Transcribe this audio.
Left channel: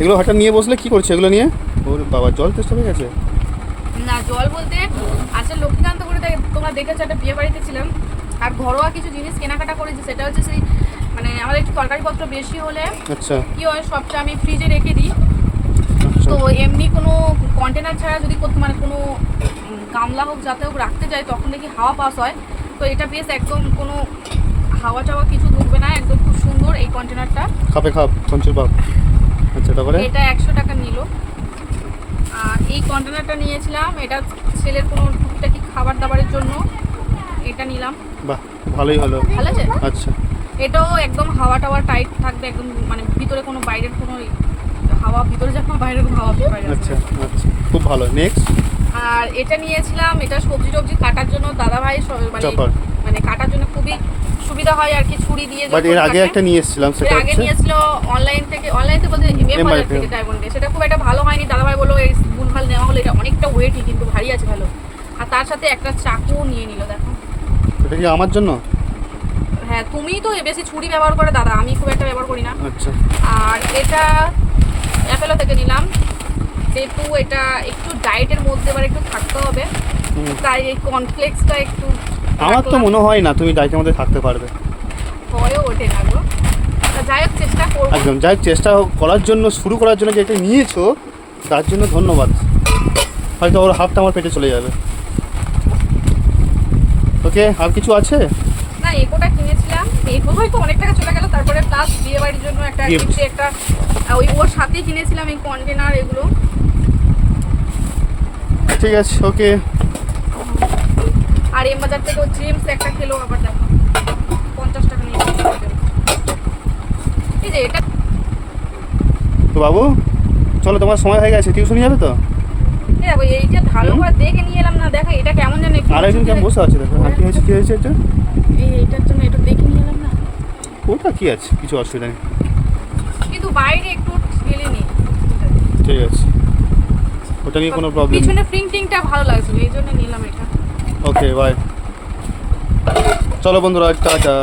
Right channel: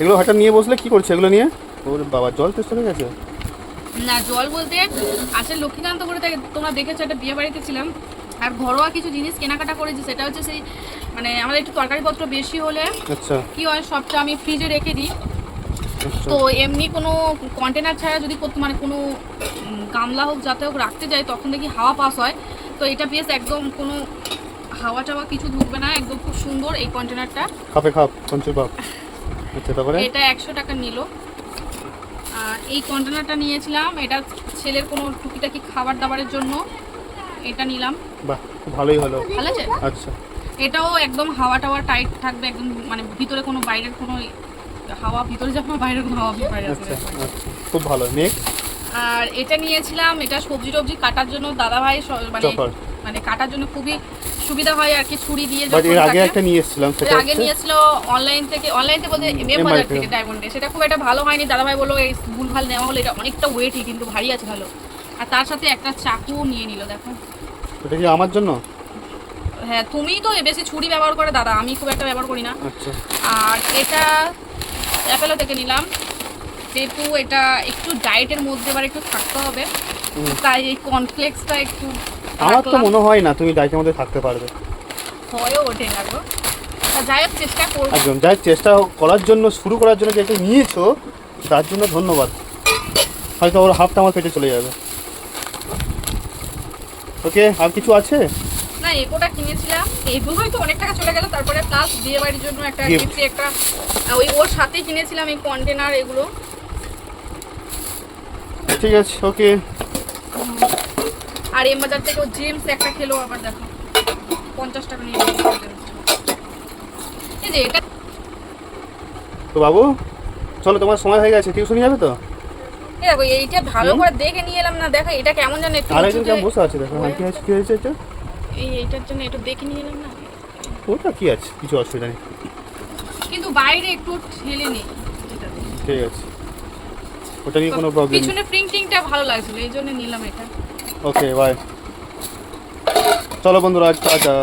এগুলো হঠাৎ নিয়ে বসলে কি করছে এগুলো নিয়ে? ওর বাবা জল তেষ্টা হয়ে গেছে। না জল বলতে আসলে লক্ষ্মীকান্তপুরে তোমরা দেখেছো একটা বিয়ে বাড়িতে ছিলাম, আর ঘরোয়া কিছু জিনিস কেনাকাটা করেছি। সেটা হচ্ছে সেই মানে আমাদের একটু তরকারিপত্র বেশি হলে আচ্ছা কি হয় সবটা আমি ফ্রিজে রেখে দিই। আচ্ছা। তো এমনি কোনো কন্টেনার ছাড়া যদি মানে কোনো গামলা হোক যাতে হোক রাখতে যাই তখন দেখি হাওয়া পাস হয়। তো এটা বেশ একদম কোনো হাওয়া টাওয়া কিছু ঢুকবে না, একদম খুব সুন্দর এই কন্টেনারটা। খাপে খাপ পঞ্চুর বাপ। আচ্ছা তারপরে এটা 100 টাকা নিল। আর এই কন্টেনারটা নিয়েছিলাম, এটা ছেলের কোনো টুকিটাকি খাবার দাবারের জন্য এটা নিলাম। বাহ খুব ভালোই হলো। ভালো আছে। আচ্ছা এটাও একদম হাওয়া টাওয়া টাইট থাকবে, একদম মানে ভিতরে কোনো বাইরের কোনো হাওয়া ভিতরে যাবে না, বাইরের কোনো হাওয়া বাইরে আচ্ছা আসবে না। আচ্ছা খুব ভালো। নেক্সট আর এটা নিয়েছিলাম, এটা সবজি টবজি কাটার জন্য দাদাভাই মানে চপার। মানে কাটার জন্য খুবই সুবিধা হয় আর কি, ছুরি দিয়ে বাট যখন এর আগে কাটে। একটা নিয়ে এসেছিলাম সেটা এর আগে হচ্ছে নিয়েছিল অনলাইন থেকে বলতে এম বাজার থেকে ডায়মন্ডে। সেটা খুব একটা ভালো হয়নি, দাদাভাই বললো এই ভুলভাল নেওয়া হলো, এটা অনেকটা ওয়েটই কিন্তু ভারী আছে ভালো। আর তার সাথে একটা চাকুও নিয়ে নিল দেখো। এটা কি আমার জন্য? হ্যাঁ তুমিই তো বেশি ছুরি ব্যবহার করে দাদা, আমি খুব একটা ব্যবহার করি না। আচ্ছা আর এটা অ্যাপেলো থেকে নিলাম, যেহেতু এটা একটু ডায়েটের মধ্যে এবার একটু থাকতে হবে, তাই এই কর্নফ্লেক্সটা একটু আমার তো রাখলাম। মনে হয় না তুমি ডায়েটের মধ্যে থাকতে পারবে। হয়েও ওঠে না গো, তা যাই হোক চেষ্টা করবো। একদম যাই চেষ্টা করার জন্য শুরু করার জন্য যেটা নিয়েছো তার জন্য ধন্যবাদ। হয়তো ওর হাফটা আমার পেটে চলে যাবে। ওকে আর কিছু আছে? না এগোটা কিনেছিলাম, এগো হয়তো অনেক টাকা চলে গেল। তারপরে প্লাস বিয়ে বাড়ির জন্য একটা Gift. গিফট, একটা ওই ওর সাথে কিনেছিলাম এই কন্টেনার এগুলো। ঠিক আছে ওকে। আর এম বাজার থেকে ও জেমস একটা খেলো আবার দেখো 50 টাকা নিয়ে নিয়েছে। এই যে এটা তো বাবু চলো তোমার সময় হয়ে গেছে, টিউশনি যাবে তো? এই দেখো এইটা ভালো করে দেখে নিয়ে এলাম না, দেখো এটা কেমন জানো একটু আর একজন উঁচুতে। কেমন বসে আছে দেখো। হ্যাঁ, কি হয়েছে কি হয়েছে এটা? এইটার জন্য এটা দেখে নিয়ে এলাম না, ওটা কি আছে, কিছু অসুবিধা নেই। কিন্তু বাইরে একটু ঠেলে নেই। ঠিক আছে ওটা নিয়ে কোনো প্রবলেম নেই। পিছনে প্রিন্টিংটা ভালো লাগছিল এই জন্য নিলাম এটা। Okay bye. চলো বন্ধুরা টাটা।